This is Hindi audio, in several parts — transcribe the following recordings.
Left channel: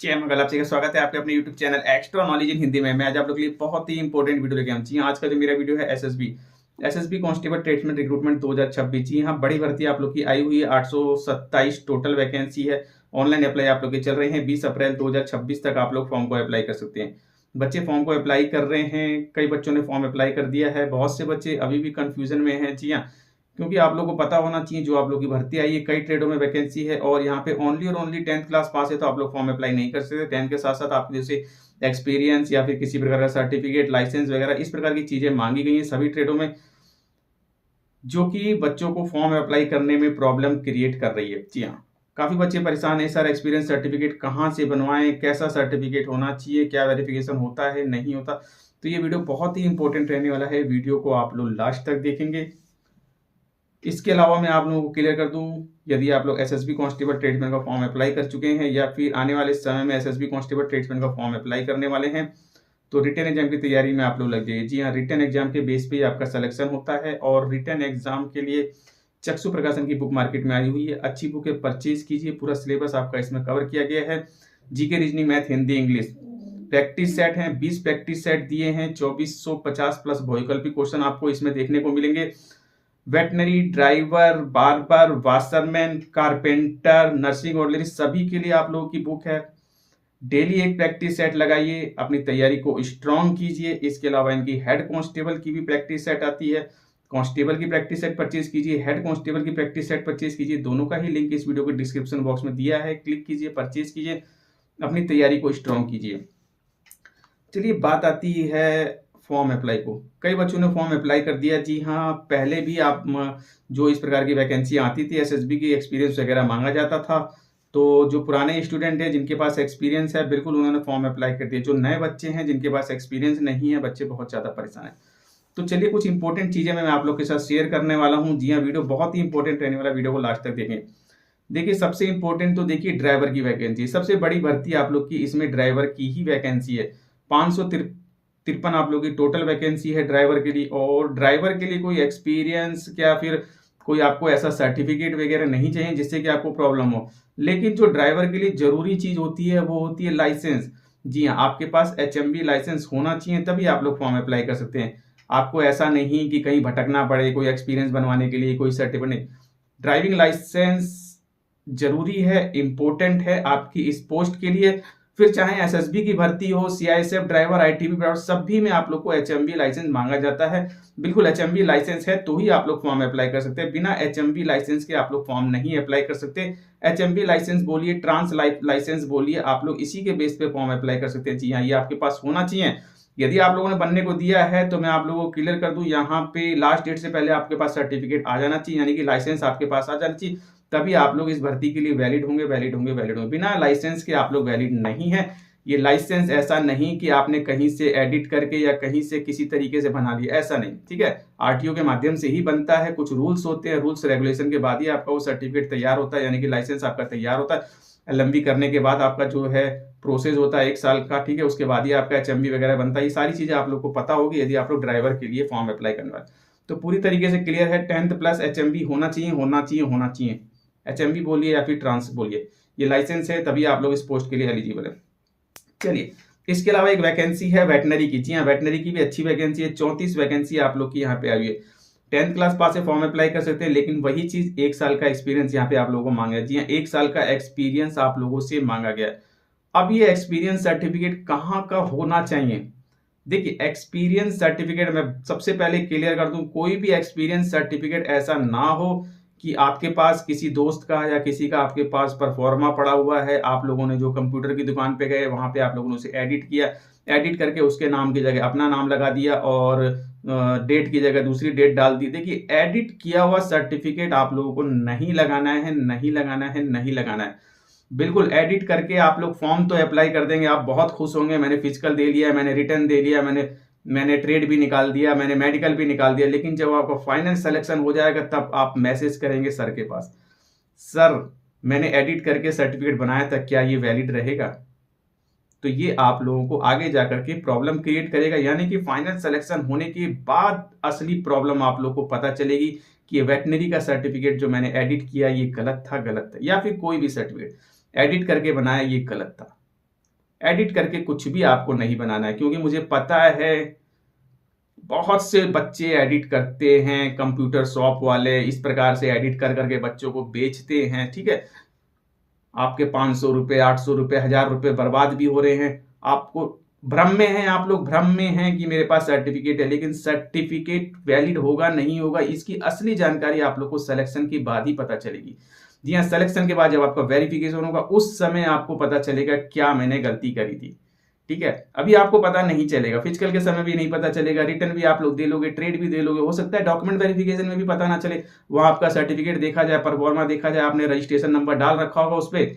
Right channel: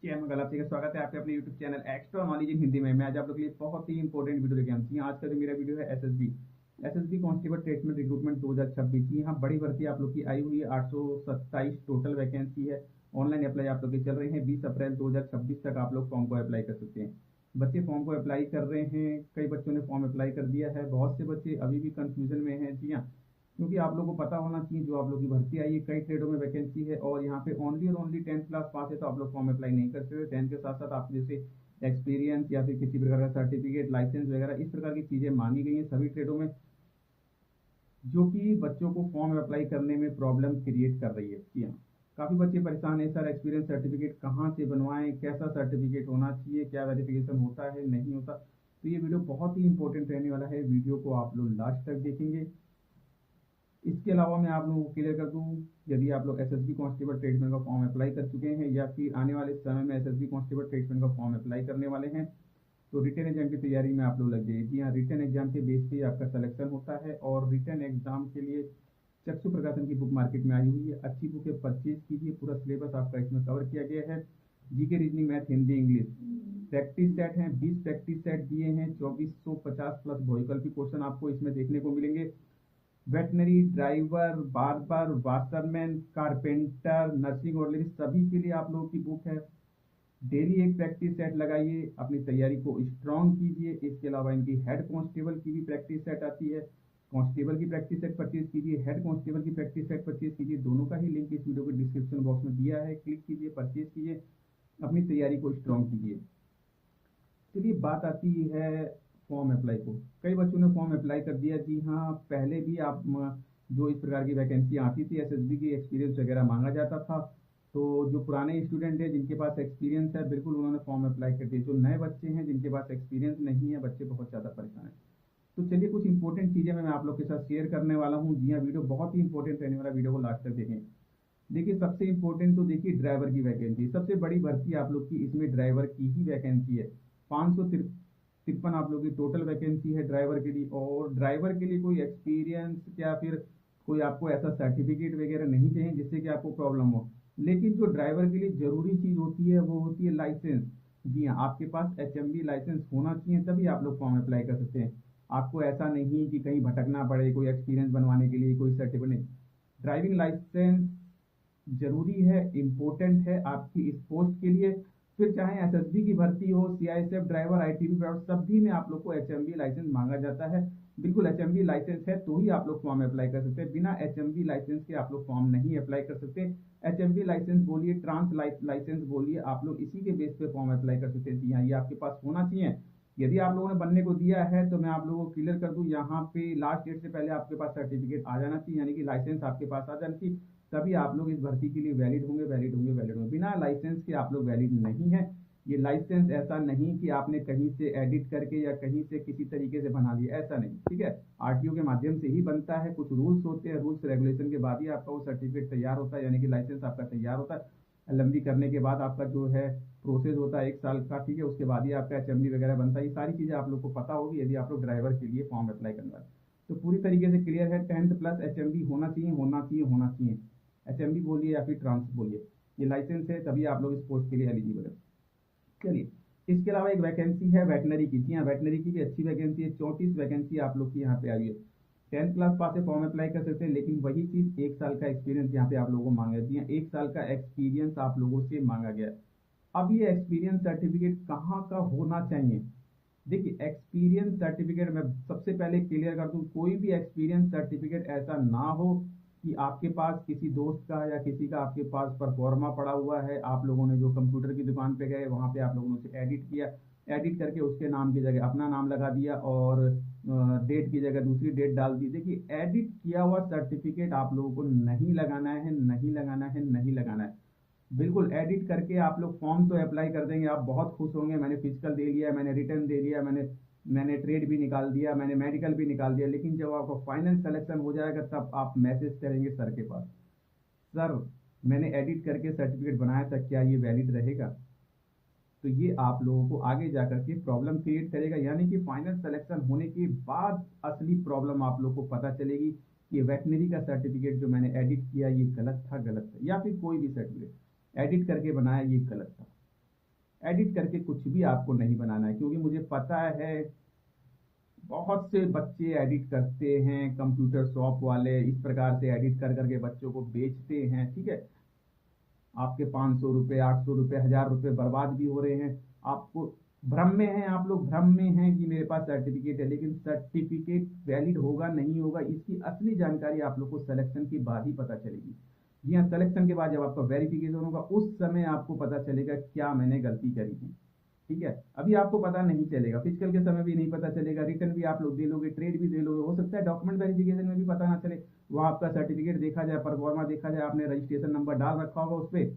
जय मंगल। आप सभी का स्वागत है आपके अपने YouTube channel extra knowledge in Hindi में। मैं आज आप लोगों के लिए बहुत ही इंपॉर्टेंट वीडियो लेके आया हूं। जी हाँ, आज का जो मेरा वीडियो है एसएसबी कांस्टेबल ट्रेड्समैन रिक्रूटमेंट 2026। जी हाँ, बड़ी भर्ती आप लोग की आई हुई है। 827 टोटल वैकेंसी है। ऑनलाइन अप्लाई आप लोग के चल रहे हैं। 20 अप्रैल 2026 तक आप लोग फॉर्म को अप्लाई कर सकते हैं। बच्चे फॉर्म को अप्लाई कर रहे हैं। कई बच्चों ने फॉर्म अप्लाई कर दिया है। बहुत से बच्चे अभी भी कंफ्यूजन में हैं। जी हाँ, क्योंकि आप लोगों को पता होना चाहिए जो आप लोग की भर्ती आई है, कई ट्रेडों में वैकेंसी है और यहाँ पे ओनली और ओनली 10th क्लास पास है तो आप लोग फॉर्म अप्लाई नहीं कर सकते। 10th के साथ साथ आप जैसे एक्सपीरियंस या फिर किसी प्रकार का सर्टिफिकेट, लाइसेंस वगैरह इस प्रकार की चीजें मांगी गई हैं सभी ट्रेडों में, जो कि बच्चों को फॉर्म अप्लाई करने में प्रॉब्लम क्रिएट कर रही है। जी हाँ, काफी बच्चे परेशान है सर, एक्सपीरियंस सर्टिफिकेट कहाँ से बनवाएं, कैसा सर्टिफिकेट होना चाहिए, क्या वेरिफिकेशन होता है नहीं होता। तो ये वीडियो बहुत ही इंपॉर्टेंट रहने वाला है। वीडियो को आप लोग लास्ट तक देखेंगे। इसके अलावा मैं आप लोगों को क्लियर कर दूं, यदि आप लोग एसएसबी कांस्टेबल ट्रेड्समैन का फॉर्म अप्लाई कर चुके हैं या फिर आने वाले समय में एसएसबी कांस्टेबल ट्रेड्समैन का फॉर्म अप्लाई करने वाले हैं तो रिटन एग्जाम की तैयारी में आप लोग लग जाइए। जी हाँ, रिटन एग्जाम के बेस पे आपका सिलेक्शन होता है और रिटन एग्जाम के लिए चक्षु प्रकाशन की बुक मार्केट में आई हुई है। अच्छी बुक है, परचेज कीजिए। पूरा सिलेबस आपका इसमें कवर किया गया है। GK, reasoning, math, Hindi, English practice set हैं। 20 प्रैक्टिस सेट दिए हैं। 2450 प्लस वैकल्पिक क्वेश्चन आपको इसमें देखने को मिलेंगे। Veterinary, driver, barber, washerman, carpenter, nursing ordinary सभी के लिए आप लोगों की बुक है। डेली एक प्रैक्टिस सेट लगाइए, अपनी तैयारी को स्ट्रॉन्ग कीजिए। इसके अलावा इनकी हेड कांस्टेबल की भी प्रैक्टिस सेट आती है। कांस्टेबल की प्रैक्टिस सेट परचेज कीजिए, हेड कांस्टेबल की प्रैक्टिस सेट परचेज कीजिए। दोनों का ही लिंक इस वीडियो के डिस्क्रिप्शन बॉक्स में दिया है। क्लिक कीजिए, परचेज कीजिए, अपनी तैयारी को स्ट्रॉन्ग कीजिए। चलिए बात आती है फॉर्म अप्लाई को। कई बच्चों ने फॉर्म अप्लाई कर दिया। जी हाँ, पहले भी आप जो इस प्रकार की वैकेंसी आती थी एसएसबी की एक्सपीरियंस वगैरह मांगा जाता था, तो जो पुराने स्टूडेंट है जिनके पास एक्सपीरियंस है बिल्कुल उन्होंने फॉर्म अप्लाई कर दिया। जो नए बच्चे हैं जिनके पास एक्सपीरियंस नहीं है, बच्चे बहुत ज़्यादा परेशान है। तो चलिए कुछ इंपॉर्टेंट चीज़ें मैं आप लोग के साथ शेयर करने वाला हूँ। जी हाँ, वीडियो बहुत ही इंपॉर्टेंट रहने वाला, वीडियो को लास्ट तक देखें। देखिए सबसे इंपॉर्टेंट तो देखिए ड्राइवर की वैकेंसी, सबसे बड़ी भर्ती आप लोग की इसमें ड्राइवर की ही वैकेंसी है। 553 आप लोग की टोटल वैकेंसी है ड्राइवर के लिए। और ड्राइवर के लिए कोई एक्सपीरियंस या फिर कोई आपको ऐसा सर्टिफिकेट वगैरह नहीं चाहिए जिससे कि आपको प्रॉब्लम हो। लेकिन जो ड्राइवर के लिए जरूरी चीज होती है वो होती है लाइसेंस। जी हाँ, आपके पास एचएमवी लाइसेंस होना चाहिए, तभी आप लोग फॉर्म अप्लाई कर सकते हैं। आपको ऐसा नहीं कि कहीं भटकना पड़े कोई एक्सपीरियंस बनवाने के लिए, कोई सर्टिफिकेट नहीं। ड्राइविंग लाइसेंस जरूरी है, इंपॉर्टेंट है आपकी इस पोस्ट के लिए। फिर चाहे एसएसबी की भर्ती हो, सीआईएसएफ ड्राइवर, आईटीबी ड्राइवर, सभी में आप लोग को एचएमवी लाइसेंस मांगा जाता है। बिल्कुल एचएमवी लाइसेंस है तो ही आप लोग फॉर्म अप्लाई कर सकते हैं। बिना एचएमवी लाइसेंस के आप लोग फॉर्म नहीं अप्लाई कर सकते। एचएमवी लाइसेंस बोलिए, ट्रांस लाइसेंस बोलिए, आप लोग इसी के बेस पे फॉर्म अप्लाई कर सकते हैं। जी हाँ, ये आपके पास होना चाहिए। यदि आप लोगों ने बनने को दिया है तो मैं आप लोगों को क्लियर कर दूं, यहाँ पे लास्ट डेट से पहले आपके पास सर्टिफिकेट आ जाना चाहिए, यानी कि लाइसेंस आपके पास आ जाना चाहिए। तभी आप लोग इस भर्ती के लिए वैलिड होंगे, वैलिड होंगे, वैलिड होंगे। बिना लाइसेंस के आप लोग वैलिड नहीं है। ये लाइसेंस ऐसा नहीं कि आपने कहीं से एडिट करके या कहीं से किसी तरीके से बना लिया, ऐसा नहीं, ठीक है। आरटीओ के माध्यम से ही बनता है। कुछ रूल्स होते हैं, रूल्स रेगुलेशन के बाद ही आपका वो सर्टिफिकेट तैयार होता है, यानी कि लाइसेंस आपका तैयार होता है। एलएमबी करने के बाद आपका जो है प्रोसेस होता है 1 साल का, ठीक है। उसके बाद ही आपका एचएमबी वगैरह बनता है। ये सारी चीजें आप लोग को पता होगी यदि आप लोग ड्राइवर के लिए फॉर्म अप्लाई करने वाले। तो पूरी तरीके से क्लियर है। 10th प्लस एचएमबी होना चाहिए, होना चाहिए, होना चाहिए। एचएमबी बोलिए या फिर ट्रांस बोलिए, ये लाइसेंस है तभी आप लोग इस पोस्ट के लिए एलिजिबल है। चलिए, इसके अलावा एक वैकेंसी है वेटनरी की। जी हाँ, वेटनरी की भी अच्छी वैकेंसी है। 34 वैकेंसी आप लोग की यहाँ पे आई है। 10th क्लास पास से फॉर्म अप्लाई कर सकते हैं, लेकिन वही चीज 1 साल का एक्सपीरियंस यहाँ पे आप लोगों को मांगा है। जी हाँ, 1 साल का एक्सपीरियंस आप लोगों से मांगा गया है। अब ये एक्सपीरियंस सर्टिफिकेट कहाँ का होना चाहिए? देखिए, एक्सपीरियंस सर्टिफिकेट मैं सबसे पहले क्लियर कर दूं, कोई भी एक्सपीरियंस सर्टिफिकेट ऐसा ना हो कि आपके पास किसी दोस्त का या किसी का आपके पास परफॉर्मा पड़ा हुआ है, आप लोगों ने जो कंप्यूटर की दुकान पे गए वहां पे आप लोगों ने उसे एडिट किया, एडिट करके उसके नाम की जगह अपना नाम लगा दिया और डेट की जगह दूसरी डेट डाल दी। देखिए, एडिट किया हुआ सर्टिफिकेट आप लोगों को नहीं लगाना है, नहीं लगाना है, नहीं लगाना है। बिल्कुल एडिट करके आप लोग फॉर्म तो अप्लाई कर देंगे, आप बहुत खुश होंगे, मैंने फिजिकल दे लिया, मैंने रिटर्न दे लिया, मैंने ट्रेड भी निकाल दिया, मैंने मेडिकल भी निकाल दिया। लेकिन जब आपका फाइनल सिलेक्शन हो जाएगा तब आप मैसेज करेंगे सर के पास, सर मैंने एडिट करके सर्टिफिकेट बनाया था, क्या ये वैलिड रहेगा? तो ये आप लोगों को आगे जाकर के प्रॉब्लम क्रिएट करेगा। यानी कि फाइनल सिलेक्शन होने के बाद असली प्रॉब्लम आप लोग को पता चलेगी कि ये वेटनरी का सर्टिफिकेट जो मैंने एडिट किया ये गलत था, गलत था, या फिर कोई भी सर्टिफिकेट एडिट करके बनाया ये गलत था। एडिट करके कुछ भी आपको नहीं बनाना है, क्योंकि मुझे पता है बहुत से बच्चे एडिट करते हैं, कंप्यूटर शॉप वाले इस प्रकार से एडिट कर करके बच्चों को बेचते हैं, ठीक है। आपके 500 रुपये, 800 रुपये, 1000 रुपये बर्बाद भी हो रहे हैं। आपको भ्रम में हैं, आप लोग भ्रम में हैं कि मेरे पास सर्टिफिकेट है, लेकिन सर्टिफिकेट वैलिड होगा नहीं होगा इसकी असली जानकारी आप लोग को सिलेक्शन के बाद ही पता चलेगी। जी हाँ, सिलेक्शन के बाद जब आपका वेरिफिकेशन होगा उस समय आपको पता चलेगा क्या मैंने गलती करी थी, ठीक है। अभी आपको पता नहीं चलेगा, फिजिकल के समय भी नहीं पता चलेगा, रिटर्न भी आप लोग दे लोगे, ट्रेड भी दे लोगे, हो सकता है डॉक्यूमेंट वेरिफिकेशन में भी पता ना चले, वहां आपका सर्टिफिकेट देखा जाए, परफॉर्मा देखा जाए, आपने रजिस्ट्रेशन नंबर डाल रखा होगा उस पर,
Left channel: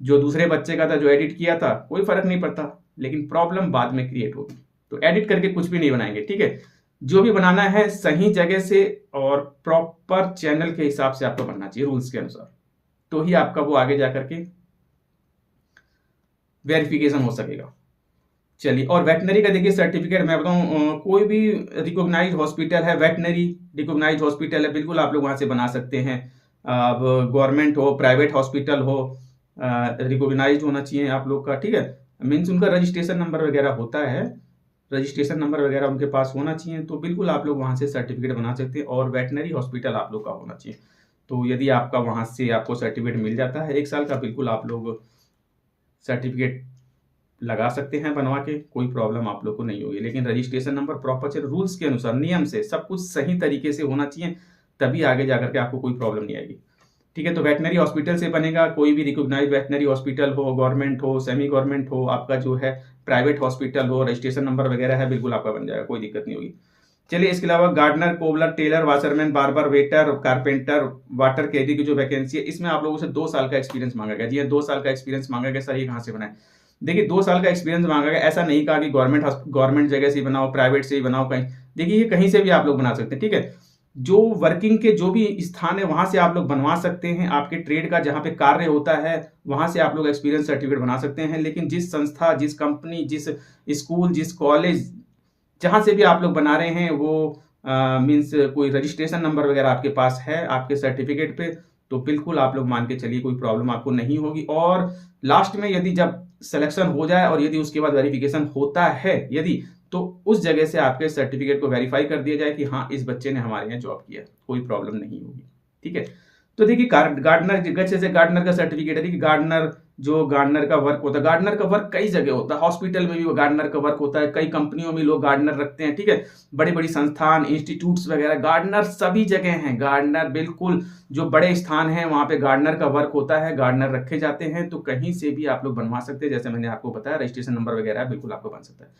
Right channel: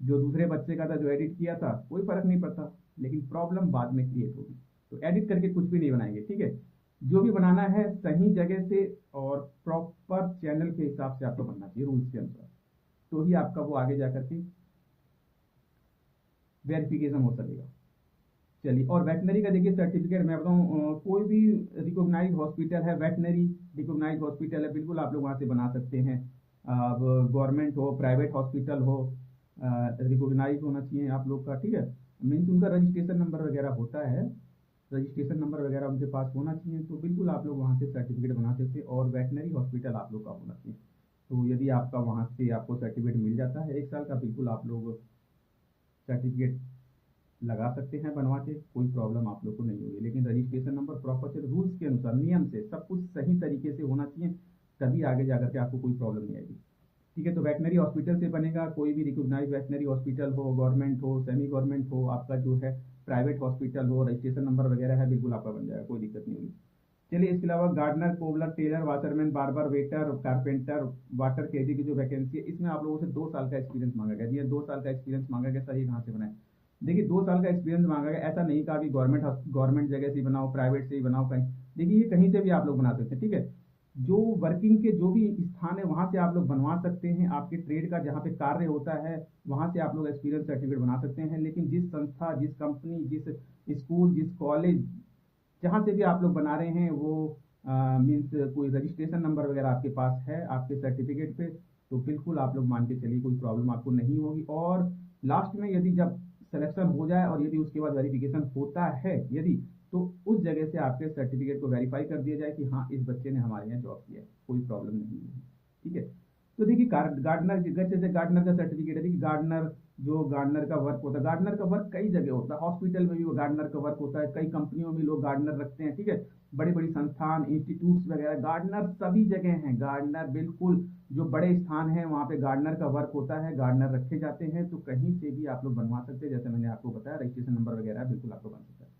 जो दूसरे बच्चे का था जो एडिट किया था, कोई फर्क नहीं पड़ता, लेकिन प्रॉब्लम बाद में क्रिएट होगी। तो एडिट करके कुछ भी नहीं बनाएंगे, ठीक है। जो भी बनाना है सही जगह से और प्रॉपर चैनल के हिसाब से आपको बनना चाहिए, रूल्स के अनुसार, तो ही आपका वो आगे जाकर के वेरिफिकेशन हो सकेगा। चलिए, और वेटनरी का देखिए सर्टिफिकेट मैं बताऊं, कोई भी रिकॉग्नाइज हॉस्पिटल है, वेटनरी रिकॉग्नाइज हॉस्पिटल है, बिल्कुल आप लोग वहां से बना सकते हैं। अब गवर्नमेंट हो, प्राइवेट हॉस्पिटल हो, रिकॉग्नाइज होना चाहिए आप लोग का, ठीक है। मीन्स उनका रजिस्ट्रेशन नंबर वगैरह होता है, रजिस्ट्रेशन नंबर वगैरह उनके पास होना चाहिए, तो बिल्कुल आप लोग वहाँ से सर्टिफिकेट बना सकते हैं। और वेटनरी हॉस्पिटल आप लोग का होना चाहिए, तो यदि आपका वहाँ से आपको सर्टिफिकेट मिल जाता है 1 साल का, बिल्कुल आप लोग सर्टिफिकेट लगा सकते हैं बनवा के, कोई प्रॉब्लम आप लोग को नहीं होगी। लेकिन रजिस्ट्रेशन नंबर प्रॉपर से, रूल्स के अनुसार, नियम से, सब कुछ सही तरीके से होना चाहिए, तभी आगे जाकर के आपको कोई प्रॉब्लम नहीं आएगी, ठीक है। तो वेटनरी हॉस्पिटल से बनेगा, कोई भी रिकॉग्नाइज वेटनरी हॉस्पिटल हो, गवर्नमेंट हो, सेमी गवर्नमेंट हो, आपका जो है प्राइवेट हॉस्पिटल हो, रजिस्ट्रेशन नंबर वगैरह है, बिल्कुल आपका बन जाएगा, कोई दिक्कत नहीं होगी। चलिए, इसके अलावा gardener, cobbler, tailor, washerman, barber, waiter, carpenter, water कैदी की जो वैकेंसी है, इसमें आप लोगों से 2 साल का एक्सपीरियंस मांगा गया। जी हाँ, 2 साल का एक्सपीरियंस मांगा गया। सर ये कहाँ से बनाए? देखिए, 2 साल का एक्सपीरियंस मांगा गया, ऐसा नहीं कहा कि गवर्नमेंट जगह से ही बनाओ, प्राइवेट से ही बनाओ, कहीं। देखिए, ये कहीं से भी आप लोग बना सकते हैं, ठीक है। जो वर्किंग के जो भी स्थान है वहां से आप लोग बनवा सकते हैं, आपके ट्रेड का जहां पे कार्य होता है वहां से आप लोग एक्सपीरियंस सर्टिफिकेट बना सकते हैं। लेकिन जिस संस्था, जिस कंपनी, जिस स्कूल, जिस कॉलेज, जहां से भी आप लोग बना रहे हैं, वो मीन्स कोई रजिस्ट्रेशन नंबर वगैरह आपके पास है आपके सर्टिफिकेट पे, तो बिल्कुल आप लोग मान के चलिए कोई प्रॉब्लम आपको नहीं होगी। और लास्ट में यदि जब सिलेक्शन हो जाए और यदि उसके बाद वेरिफिकेशन होता है, यदि, तो उस जगह से आपके सर्टिफिकेट को वेरीफाई कर दिया जाए कि हाँ, इस बच्चे ने हमारे यहाँ जॉब किया, कोई प्रॉब्लम नहीं होगी, ठीक है। तो देखिए, गार्डनर, जैसे गार्डनर का सर्टिफिकेट है, देखिए गार्डनर, जो गार्डनर का वर्क होता है, गार्डनर का वर्क कई जगह होता है, हॉस्पिटल में भी गार्डनर का वर्क होता है, कई कंपनियों में लोग गार्डनर रखते हैं, ठीक है। बड़ी बड़ी संस्थान, इंस्टीट्यूट्स वगैरह, गार्डनर सभी जगह हैं। गार्डनर बिल्कुल जो बड़े स्थान हैं वहां पे गार्डनर का वर्क होता है, गार्डनर रखे जाते हैं, तो कहीं से भी आप लोग बनवा सकते हैं। जैसे मैंने आपको बताया, रजिस्ट्रेशन नंबर वगैरह बिल्कुल आपको बन सकता है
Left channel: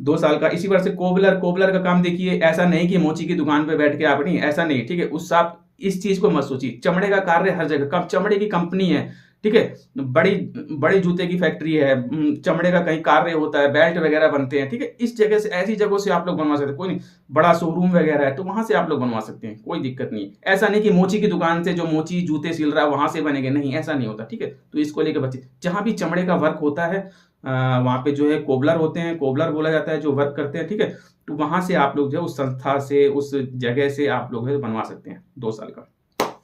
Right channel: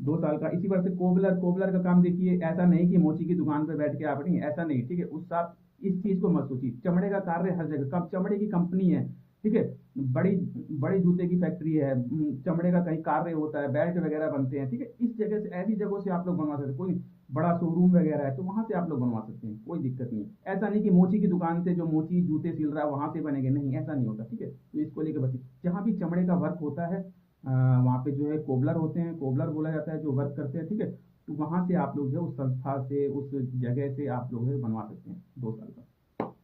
2 साल का। इसी बार से कोबलर का काम देखिए, ऐसा नहीं कि मोची की दुकान पे बैठ के आप, नहीं, ऐसा नहीं, ठीक है। उस आप इस चीज को मत सोचिए, चमड़े का कार्य हर जगह, कब चमड़े की कंपनी है, ठीक है, बड़ी बड़ी जूते की फैक्ट्री है, चमड़े का कहीं कार्य होता है, बेल्ट वगैरह बनते हैं, ठीक है। इस जगह से, ऐसी जगहों से आप लोग बनवा सकते हैं, कोई नहीं, बड़ा शोरूम वगैरह है तो वहां से आप लोग बनवा सकते हैं, कोई दिक्कत नहीं। ऐसा नहीं कि मोची की दुकान से जो मोची जूते सिल रहा है वहां से बनेंगे, नहीं, ऐसा नहीं होता, ठीक है। तो इसको लेकर बच्चे, जहां भी चमड़े का वर्क होता है वहां पे जो है कोबलर होते हैं, कोबलर बोला जाता है जो वर्क करते हैं, ठीक है। तो वहां से आप लोग जो है उस संस्था से, उस जगह से आप लोग बनवा सकते हैं 2 साल का।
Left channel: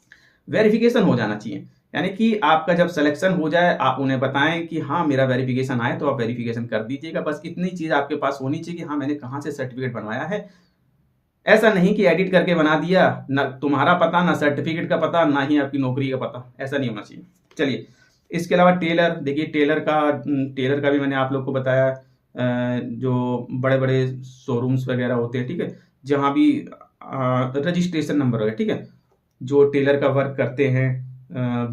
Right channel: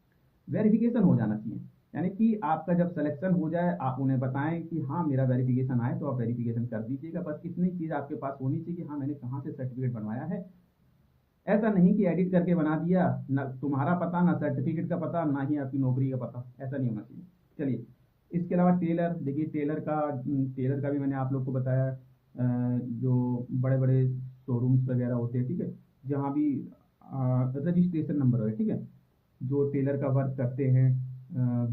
वेरिफिकेशन हो जाना चाहिए, यानी कि आपका जब सिलेक्शन हो जाए आप उन्हें बताएं कि हाँ मेरा वेरिफिकेशन आए, तो आप वेरिफिकेशन कर दीजिएगा। बस इतनी चीज आपके पास होनी चाहिए कि हाँ मैंने कहाँ से सर्टिफिकेट बनवाया है। ऐसा नहीं कि एडिट करके बना दिया, ना तुम्हारा पता, ना सर्टिफिकेट का पता, ना ही आपकी नौकरी का पता, ऐसा नहीं होना चाहिए। चलिए, इसके अलावा टेलर, देखिए टेलर का भी मैंने आप लोग को बताया, जो बड़े बड़े शोरूम्स वगैरह होते हैं, ठीक है, जहाँ भी रजिस्ट्रेशन नंबर वगैरह, ठीक है, जो टेलर का वर्क करते हैं,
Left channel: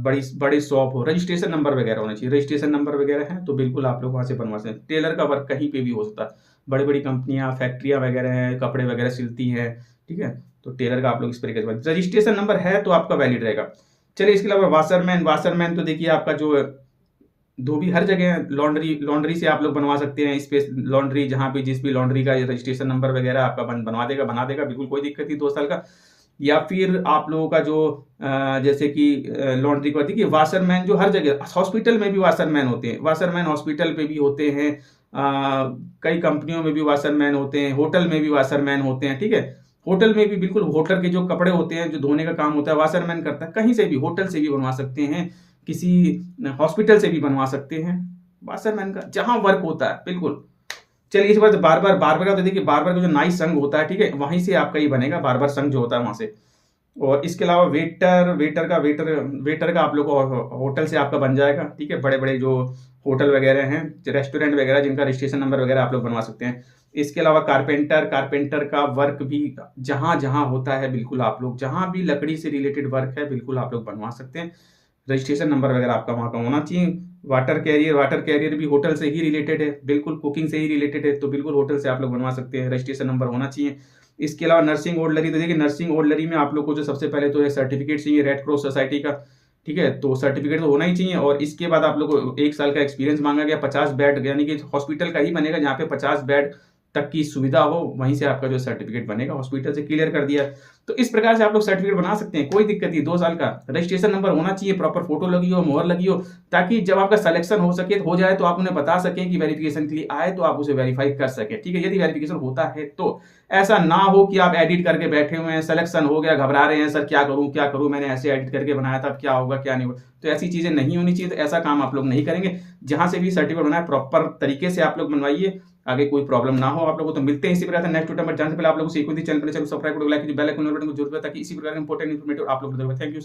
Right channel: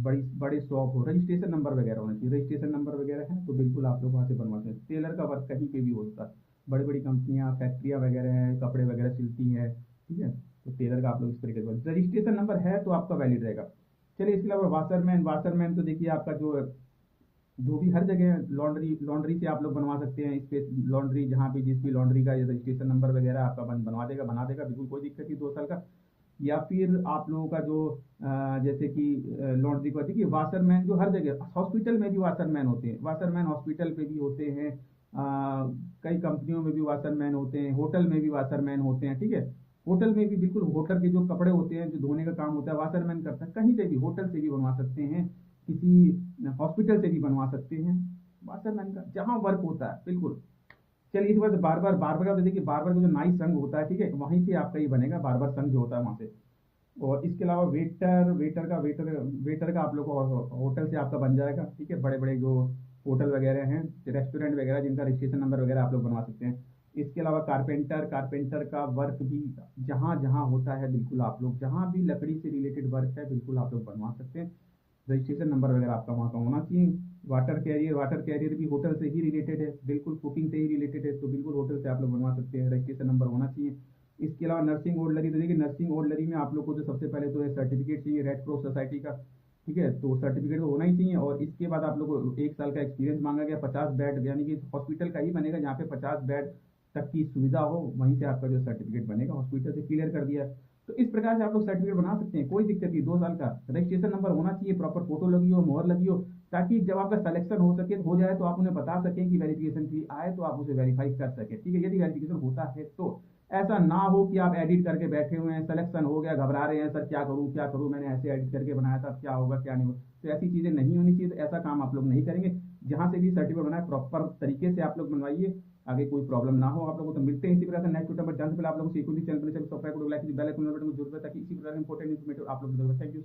बड़ी बड़े शॉप हो, रजिस्ट्रेशन नंबर वगैरह होना चाहिए। रजिस्ट्रेशन नंबर वगैरह है तो बिल्कुल आप लोग वहाँ से बनवा सकते हैं। टेलर का वर्क कहीं पे भी हो सकता है, बड़ी बड़ी कंपनियां, फैक्ट्रियां वगैरह हैं, कपड़े वगैरह सिलती हैं, ठीक है। तो टेलर का आप लोग इस तरीके से, रजिस्ट्रेशन नंबर है तो आपका वैलिड रहेगा। चलिए, इसके अलावा वाशरमैन तो देखिए आपका जो धोबी हर जगह, लॉन्ड्री से आप लोग बनवा सकते हैं, स्पेस लॉन्ड्री, जहाँ पे जिस भी लॉन्ड्री का रजिस्ट्रेशन नंबर वगैरह आपका बना देगा, बिल्कुल कोई दिक्कत नहीं, 2 साल का। या फिर आप लोगों का जो जैसे कि लॉन्ड्री को, देखिए वाशरमैन जो हर जगह, हॉस्पिटल में भी वाशरमैन होते हैं, वाशरमैन हॉस्पिटल पे भी होते हैं, कई कंपनियों में भी वाशरमैन होते हैं, होटल में भी वाशरमैन होते हैं, ठीक है। होटल में भी बिल्कुल, होटल के जो कपड़े होते हैं, जो धोने का काम होता है, वाशरमैन करता है। कहीं से भी, होटल से भी बनवा सकते हैं, किसी हॉस्पिटल से भी बनवा सकते हैं, वाशरमैन का जहां वर्क होता है, बिल्कुल। चलिए इस बार बार्बर का तो देखिए, बार्बर का जो नाई संघ होता है, ठीक है, वहीं से आपका ये बनेगा, बार्बर संघ जो होता है वहां से। और इसके अलावा वेटर का आप लोग को होटल से आपका बन जाएगा, ठीक है। बड़े बड़े जो होटल वगैरह हैं, रेस्टोरेंट वगैरह, जिनका रजिस्ट्रेशन नंबर वगैरह आप लोग बनवा सकते हैं। इसके अलावा कारपेंटर का वर्क भी जहां जहां होता है, बिल्कुल आप लोग जहां भी लकड़ी से रिलेटेड वर्क है, बिल्कुल आप लोग बनवा सकते हैं। रजिस्ट्रेशन नंबर वगैरह आपका वहाँ का होना चाहिए। वाटर कैरियर भी होटल से ही रिलेटेड है, बिल्कुल कुकिंग से ही रिलेटेड है, तो बिल्कुल होटल से आप लोग बनवा सकते हैं, रजिस्ट्रेशन नंबर होना चाहिए। इसके अलावा नर्सिंग ऑर्डनरी, तो देखिए नर्सिंग ऑर्डनरी में आप लोग को जो सबसे पहले तो है सर्टिफिकेट चाहिए रेड क्रॉस सोसाइटी का, ठीक है, तो सर्टिफिकेट तो होना ही चाहिए। और इसके बाद आप लोग को 1 साल का एक्सपीरियंस मांगा गया, 50 बेड, यानी कि हॉस्पिटल का ही बनेगा जहाँ पे 50 बेड तक की सुविधा हो, वहीं से आपका जो सर्टिफिकेट बनेगा, हॉस्पिटल से क्लियर कर दिया। तो इस प्रकार से आप लोग सर्टिफिकेट बना सकते हैं, कोई दिक्कत नहीं। 2 साल का रजिस्ट्रेशन नंबर होना चाहिए, प्रॉपर फोटो लगी हो, मोहर लगी हो, ताकि जब आपका सिलेक्शन हो जाए तो आप उन्हें बता सकें कि वेरिफिकेशन के लिए आए, तो आप उसे वेरीफाई कर सकें, ठीक है। यदि वेरिफिकेशन होता है तो ऐसा ना हो कि आप एडिट करके बैठे हुए हैं, सिलेक्शन हो गया, घबरा रहे हैं, सर क्या करूं, मैंने ऐसे एडिट करके बनाया था, अब क्या होगा क्या नहीं होगा, तो ऐसी चीजें नहीं होनी चाहिए। तो ऐसा काम आप लोग नहीं करेंगे। जहां से भी सर्टिफिकेट बनाए प्रॉपर तरीके से आप लोग बनवाइए, आगे कोई प्रॉब्लम ना हो आप लोगों को। तो मिलते हैं इसी प्रकार से नेक्स्ट वीडियो में। जानने से पहले आप लोगों को चैनल पर सब्सक्राइब करो, लाइक कीजिए, बेल आइकन बटन को जरूर दबाएं, ताकि इसी प्रकार के इंपॉर्टेंट इन्फॉर्मेटिव आप लोग को। Thank you.